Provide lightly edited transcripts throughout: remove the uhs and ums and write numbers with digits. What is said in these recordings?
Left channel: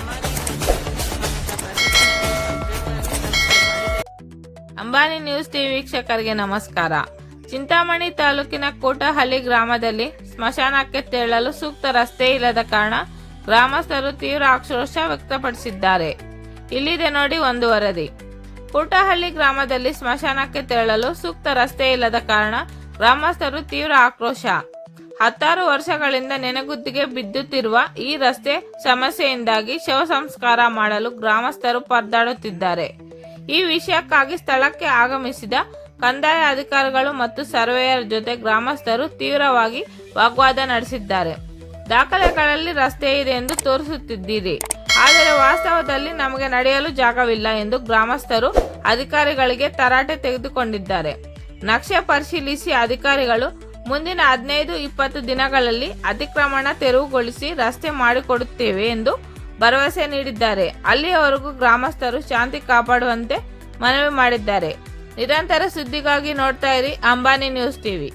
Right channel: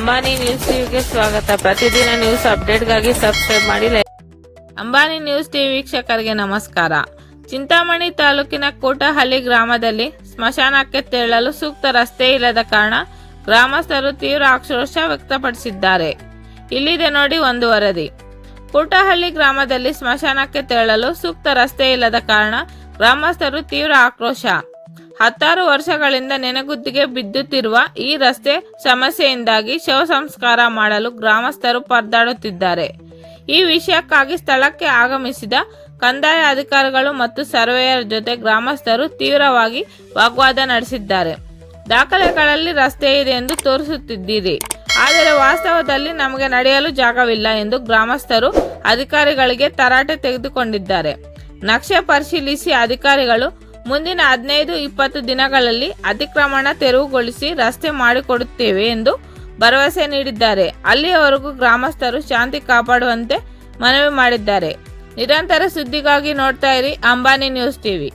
Ambani news ಟಿವಿಗೆ ಸ್ವಾಗತ. ಪ್ರತಿದಿನ ನ್ಯೂಸ್ ಅಪ್ಡೇಟ್ಗಾಗಿ ಸಬ್ಸ್ಕ್ರೈಬ್ ಮಾಡಿ. ಅಂಬಾನಿ ನ್ಯೂಸ್ ಟಿವಿ ವೀಕ್ಷಕರಿಗೆ ನಮಸ್ಕಾರ. ಚಿಂತಾಮಣಿ ತಾಲೂಕಿನ ಕೋಟಹಳ್ಳಿ ಗ್ರಾಮದಲ್ಲಿ ಸ್ಮಶಾನಕ್ಕೆ ತೆರಳಲು ಸೂಕ್ತ ರಸ್ತೆ ಇಲ್ಲದ ಕಾರಣ ಗ್ರಾಮಸ್ಥರು ತೀವ್ರ ಆಕ್ರೋಶ ವ್ಯಕ್ತಪಡಿಸಿದ್ದಾರೆ. ಇಲ್ಲಿದೆ ನೋಡಿ ಒಂದು ವರದಿ. ಕೋಟಹಳ್ಳಿ ಗ್ರಾಮದಲ್ಲಿ ಸ್ಮಶಾನಕ್ಕೆ ತೆರಳಲು ಸೂಕ್ತ ರಸ್ತೆ ಇಲ್ಲದ ಕಾರಣ ಗ್ರಾಮಸ್ಥರು ತೀವ್ರ ಆಕ್ರೋಶ. 10 ವರ್ಷಗಳಿಂದ ನೆನೆಗುದ್ದಿಗೆ ಬಿದ್ದುತ್ತಿರುವ ಈ ರಸ್ತೆ ಸಮಸ್ಯೆಯಿಂದಾಗಿ ಶವ ಸಂಸ್ಕಾರ ಮಾಡಲು ಗ್ರಾಮಸ್ಥರು ಪರದಾಡುತ್ತಿದ್ದಾರೆ. ಈ ವಿಷಯಕ್ಕಾಗಿ ಸ್ಥಳಕ್ಕೆ ಆಗಮಿಸಿದ ಕಂದಾಯ ಅಧಿಕಾರಿಗಳು ಮತ್ತು ಸರ್ವೇಯರ್ ಜೊತೆ ಗ್ರಾಮಸ್ಥರು ತೀವ್ರವಾಗಿ ವಾಗ್ವಾದ ನಡೆಸಿದ್ದಾರೆ. ದಾಖಲೆಗಳಲ್ಲಿ ರಸ್ತೆ ಇದೆ ಎಂದು ತೋರಿಸುತ್ತಿದ್ದೀರಿ, ಆದರೆ ವಾಸ್ತವದಲ್ಲಿ ನಮಗೆ ನಡೆಯಲು ಜಾಗವಿಲ್ಲ ಎಂದು ಗ್ರಾಮಸ್ಥರು ಅಧಿಕಾರಿಗಳಿಗೆ ತರಾಟೆ ತೆಗೆದುಕೊಂಡಿದ್ದಾರೆ. ನಕ್ಷೆ ಪರಿಶೀಲಿಸಿ ಅಧಿಕಾರಿಗಳು ಮುಂದಿನ 15-20 ದಿನಗಳಲ್ಲಿ ಅತಿಕ್ರಮಣ ತೆರವುಗೊಳಿಸಿ ರಸ್ತೆ ಮಾಡಿಕೊಡುತ್ತೇವೆ ಎಂದು ಭರವಸೆ ನೀಡಿದ್ದಾರೆ. ಅಲ್ಲಿಯವರೆಗೂ ಗ್ರಾಮಸ್ಥರು ಶಾಂತಿ ಕಾಪಾಡುವಂತೆ ಮನವಿ ಮಾಡಿದ್ದಾರೆ. ನಿರಂತರ ಸುದ್ದಿಗಾಗಿ ನೋಡ್ತಾ ಇರಿ ಅಂಬಾನಿ ನ್ಯೂಸ್ ಟಿವಿ.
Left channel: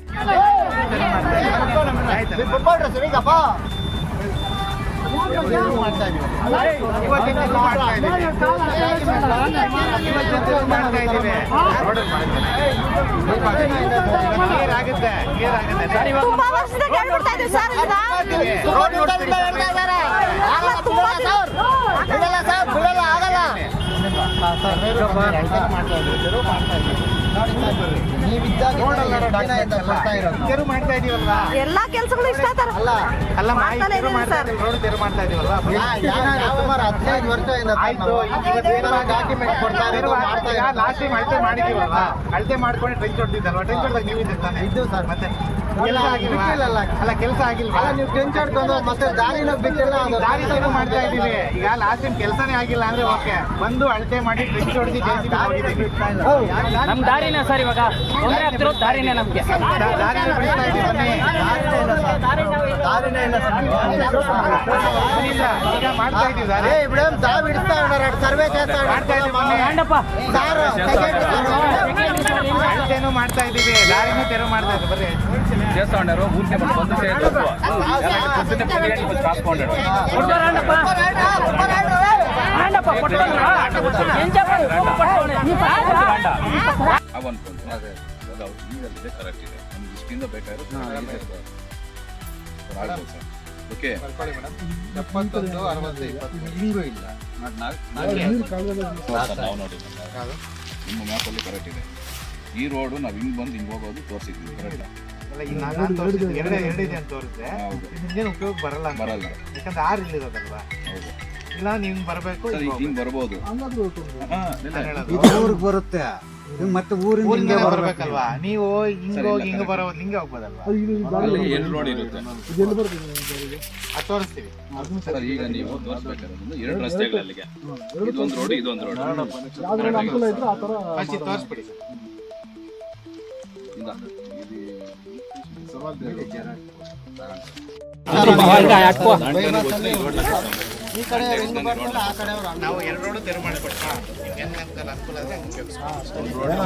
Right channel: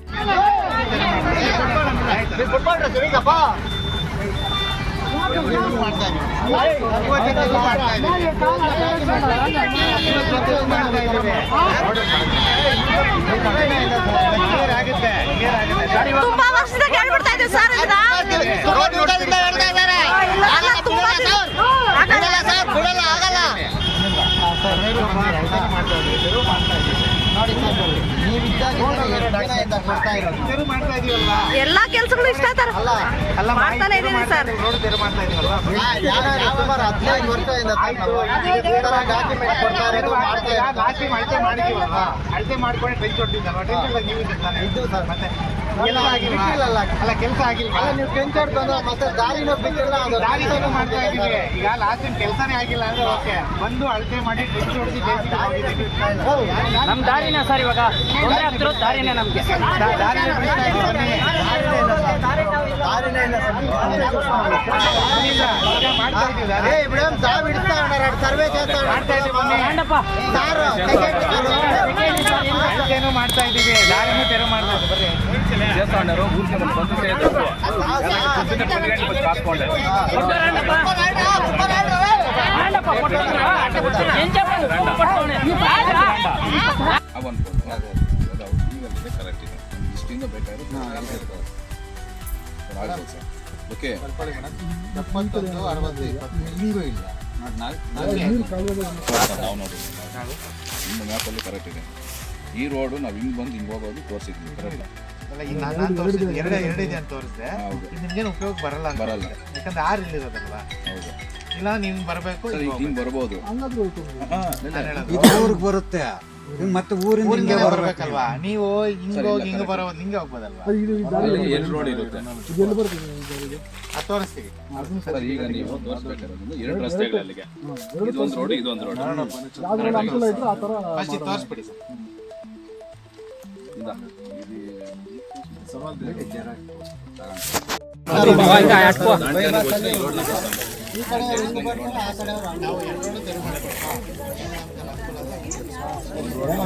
ತುಂಬಾ ವರ್ಷದಿಂದ ಕೇಳ್ಬಿಡ್ತಾ ಇದ್ದೀವಿ ಸರ್. ಎಲ್ಲಾ ಕೆಲಸಗಳು ಇಷ್ಟ ಸರ್. ಅಳತೆ ಮಾಡ್ಕೊಂಡು ಟ್ರೆಂಚ್ ಹೊಡ್ತಿದ್ದಲ್ವಾ? ಟ್ರೆಂಚ್ ಹೊಡ್ದಾಗ ನೀವು ಇದ್ದಿರ್ತಾನೆ ಮತ್ತೆ ಕೆಲಸ ಆಗಿಲ್ವಾ? ನೀವು ಟ್ರೆಂಚ್ ಹೊಡ್ಕೊಂಡು ಮತ್ತೆ ದಾರಿ ಶುರು ಮಾಡ್ತಾ ಇದ್ದೀವಿ. ಈಗ ಲಾಸ್ಟ್ ಟೈಮ್ ಕೆಲಸನೇ ಆಗಿಲ್ಲ ಅಂದ್ರೆ ಓಕೆ, ಬಂದು ಅಳತೆ ಮಾಡಿ ಟ್ರೆಂಚ್ ಹೊಡೆದು ನಮ್ ದಾರಿನೇ ಸರ್, ಇವಾಗ ದಾರಿನೇ ನಮ್ಗೆ ದಾರಿನೇ ಬಿಡಿಸ್ತಾ ಇದೀವಿ. ಬನ್ನಿ, ಈಗ ಮಾಡ್ತಾ ಇದೀವಿ ದಾರಿ ಅಳತೆನೂ ಮಾಡ್ತಾ ಇದೀವಿ, ದಾರಿನೂ ತೆರವು ಮಾಡ್ತಾ ಇದ್ದೀವಿ. ಬರ್ರಿ చేస్తాడు ఊరికే మన బంధు చేయడం పొద్దున్నే 12 కాసుకోండి ಈಗಲ್ಲಿದೆ ಕರೆಕ್ಟ್ ಇದೆ. ನಮ್ಗೆ ಇಷ್ಟಿಂದ ಬೇಕಾದ್ರೆ ಓಕೆ 71, 60, 20 ಹಿಂಗೂ ಇಲ್ಲ. ನಾವು ನೋಡಿ ನಿಮ್ಮ ಮ್ಯಾಪಲ್ಲಿ ಕರೆಕ್ಟ್ ಇದೆ. ಈ ರೋಡು ನಾವು ಹಿಂಗ್ ಬಂದು ಹಿಂಗ್ ಹೋಗೋದು ತೋರಿಸಿದ್ವಿ ಕರೆಕ್ಟ್. ಎರಡಿದೆ ಅಂತ ತೋರಿಸಿದೆ. ನಿಮ್ಗೇನು ಉಪಯೋಗ ಬರಲ್ಲ ಯಾಕಂದ್ರೆ 6 ಇಲ್ಲಿರೋದಲ್ವಾ? ಹೌದು. ಇಲ್ಲ ನೀವು ಬರ್ಬೇಕು, ಹಿಂಗ್ ಬರ್ಬೋದು, ಊರಿಗೆ ಬರುತ್ತೆ ಮತ್ತೆ ಊರಿಂದ ಬರ್ಬೇಕಲ್ವಾ? ನೀವು ಹಿಂಗ ಬರೋದು ಹಿಂಗೆ ಹೋಗ್ಬೋದಲ್ವಾ? ಎರಡು ರೋಡ್ ಇರುತ್ತೆ, ತೋರಿಸ್ತೀವಿ. ಈಗ ನೀವು ತೋರಿಸ್ಬೇಕಾದ್ರೆ 2 ರಸ್ತೆಗಳಲ್ಲಿಗೆ ಇದೊಂದು ರೋಡ್ ಇದೊಂದು ರೋಡ್ ತೋರಿಸ್ಬಿಡಿ ಸರ್. ನಾವು 2 ರೋಡ್ ತೆರವು ಮಾಡಿಕೊಡ್ತೀವಿ.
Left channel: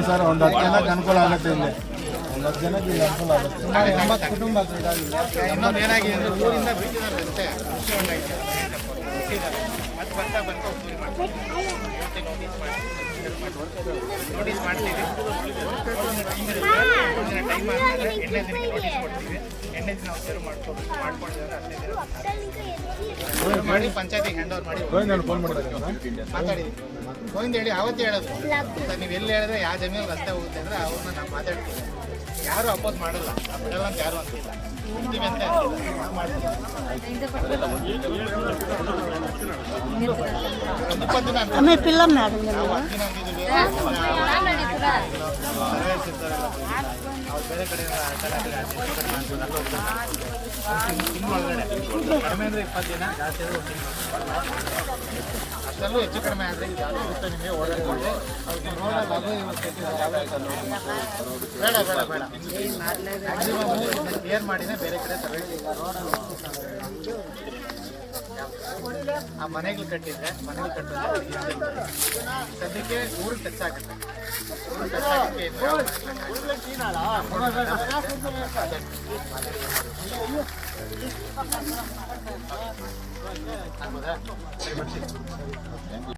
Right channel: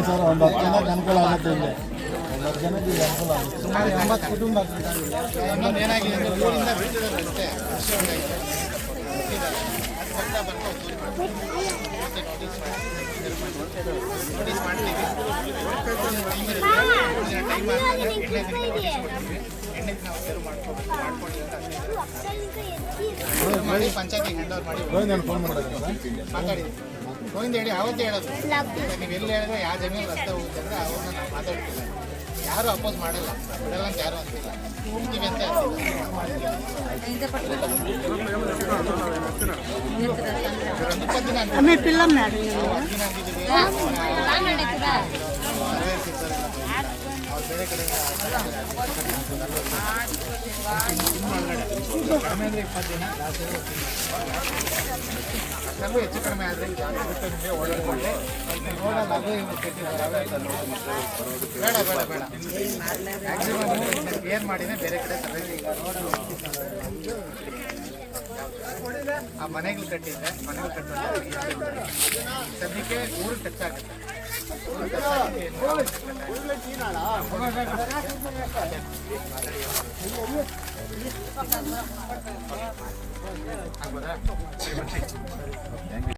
ಸರ್ ಒಂದು 10 ಜನಕ್ಕೆ ಅನುಕೂಲ ಆಗುತ್ತೆ. ಇಲ್ಲಿ ಒಂದು 10 ಜನಕ್ಕೆ ಅನುಕೂಲ ಆಗುತ್ತೆ. 80 ಕುಟುಂಬ. ಇನ್ನೊಂದು ಏನಾಗಿದೆ ಅಂದ್ರೆ ಊರಿಂದ ಬಿಡ್ತಿದ್ದಾರೆ ಅಷ್ಟೇ. ಅದು ಬರ್ತಾ ಉತ್ತೂರಿ ಮಾಡ್ತೀವಿ. ಇವತ್ತೇ ನೋಟಿಸ್ ಮಾಡ್ತೀವಿ. ಟೈಮ್ ಆದ್ಮೇಲೆ 8ನೇ ದಿನಕ್ಕೆ ನೋಟಿಸ್ ಕೊಡ್ತೀವಿ. 8ನೇ ದಿನ ನಾವು ತೆರವು ಮಾಡ್ಕೊಂಡಿದ್ದಾರೆ. 15 ದಿನ ಮಾಡಿ ಪಂಚಾಯತಿಗೆ ಹ್ಯಾಂಡ್ ಓವರ್ ಮಾಡಿ ಮಾತಾಡಿದ್ವಿ. ಗೋವಿಂದ ಹೇಳಿ ಅವತ್ತೇ ಹೇಳೋದು ಸರ್, ನೀವು ಎಲ್ಲಿ ಹೇಳಿದ್ರೆ ಯಾವ ಜಮೀನು ರಸ್ತೆ ಹೋಗುತ್ತೆ ಅಂದ್ರೆ ಅವ್ರನ್ನ ನಾವು ಮಾತಾಡ್ತೀವಿ. ಯಾರು ಅಪೋಸ್ ಮಾಡಲ್ಲ, ಬಿಡಲ್ಲ ಅಂತ ಯಾರು ಅಂತಿಲ್ಲ, ಬಿಡ್ತೀವಿ ಅಂತ ಅಂತಿಲ್ಲ, ನಾವು ಮಾಡ್ತೀವಿ. ಒಂದು 20 ದಿನ ಅಂತ ನಾವು 10 ದಿನ ಅಂತಿದ್ದೀವಿ. ಸರ್ವೇರ್ಸ್ ಇರ್ತಾರೆಲ್ಲ ಅವ್ರು ಬೇರೆ ಕಡೆ ತಿಂಗಳೊಳಗಡೆ ಕಡಿಮೆ ಅಂದರೆ 20 ದಿನ, ಜಾಸ್ತಿ ಆದರೆ ಅಷ್ಟೆಲ್ಲೂ ಹೆಚ್ಚು ಕಡಿಮೆ ಆದರೆ ಇರುತ್ತೆ. ನಿಮಗೆ ಓಡಾಡ್ಕೊಂಡೆ ರೋಡಲ್ಲಿ ಅದು ಇವಾಗ ಕಟ್ಟಿದ್ದಾರೆ. ಬೇಡ ಮ್ಯಾಕ್ಸಿಮಮ್ ಕ್ಲಿಯರ್ ಮಾಡಿನೇ ಬೇರೆ ಕಡೆ ಸರ್ವೇಸ್. ಆ ಮನೆಗಳು ಕಟ್ಟಿದ್ರೆ ಮನೆಗಳು ಕಟ್ಟುವಂಥ ಸದ್ಯಕ್ಕೆ ಊರಿಗೆ ಟಚ್ ಆಗುತ್ತೆ. ಊರಿಗೆ ಟಚ್ ಆಗಕ್ಕೆ ಏನು ಆಗ್ಬೋದಾ? ಸರಿ ಬರ್ತೀನಿ.